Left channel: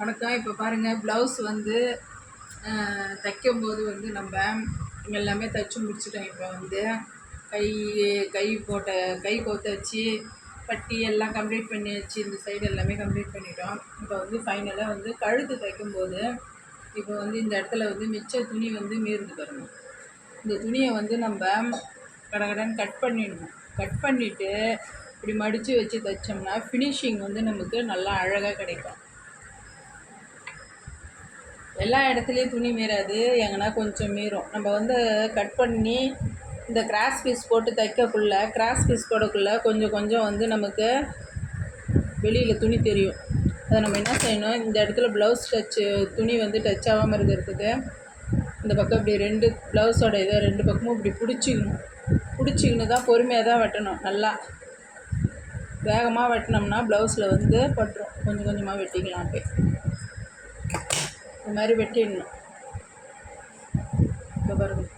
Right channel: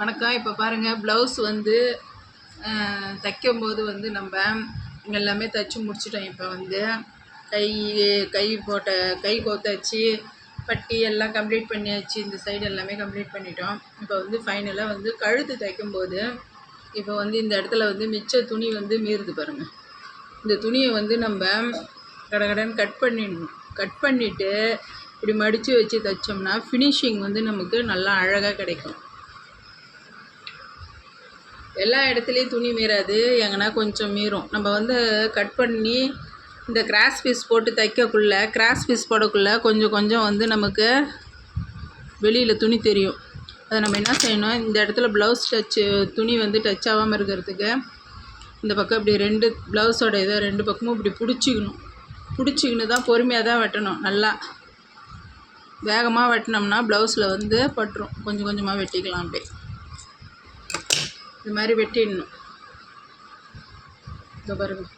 வணக்கம். இப்போ பாருங்கள், ப்ளவுஸ் வந்து தைக்கும்போது வந்து நம்ம எல்லாமே தைச்சி முடிச்சிட்டோம். இப்போ வந்து கை போட்ட கை கோத்தாச்சு, பட்டி எல்லாம் கம்ப்ளீட் பண்ணியாச்சு. இந்த சைடு எல்லாமே கம்ப்ளீட் பண்ணிட்டோம். இப்போ வந்து ஃபைனலாக வந்து கழுத்து தைக்கும்போது இப்போ வந்து இந்த இடத்துல வந்து மிச்ச துணி வந்து மீறுது பாருங்கள். இந்த துணியை வந்து நம்ம கடகடன்னு கட் பண்ணிடணும். கட் பண்ணிவிட்டு இப்படி மடித்து வச்சு தைச்சோம்னா ஃபினிஷிங் வந்து நமக்கு நல்லா அழகாக கிடைக்கும். எல்லா இடத்துலையும் துணி மீறாது, எங்கன்னா கொஞ்சம் மீறும். நம்ம வந்து கட் பண்ணி இந்த கிராஸ் பீஸ் போட்டு தைக்கக்குள்ளே கொஞ்சம் கொஞ்சம் வந்து நமக்கு வெளியில் துணி தெரியும். அதை நம்ம என்ன செய்யணும், இந்த இடத்துல ப்ளவுஸ் துணி வந்து டச் ஆகாமல் இருக்கிறதுக்கு இந்த பக்கம் இப்படி ப்ளவுஸோட இதை 2 பக்கமும் இப்படி பிடிச்சிக்கின்னு தான் பொறுமையாக தான் வெட்டணும். நல்லா வேகமாக வெட்டினோம்னா ப்ளவுஸில் வந்து பட்டுரும். கொஞ்சம் கொஞ்சமாக வெட்டிக்கலாம். அப்படியே இந்த மாதிரி வெட்டிடணும். இதோ பாருங்கள்.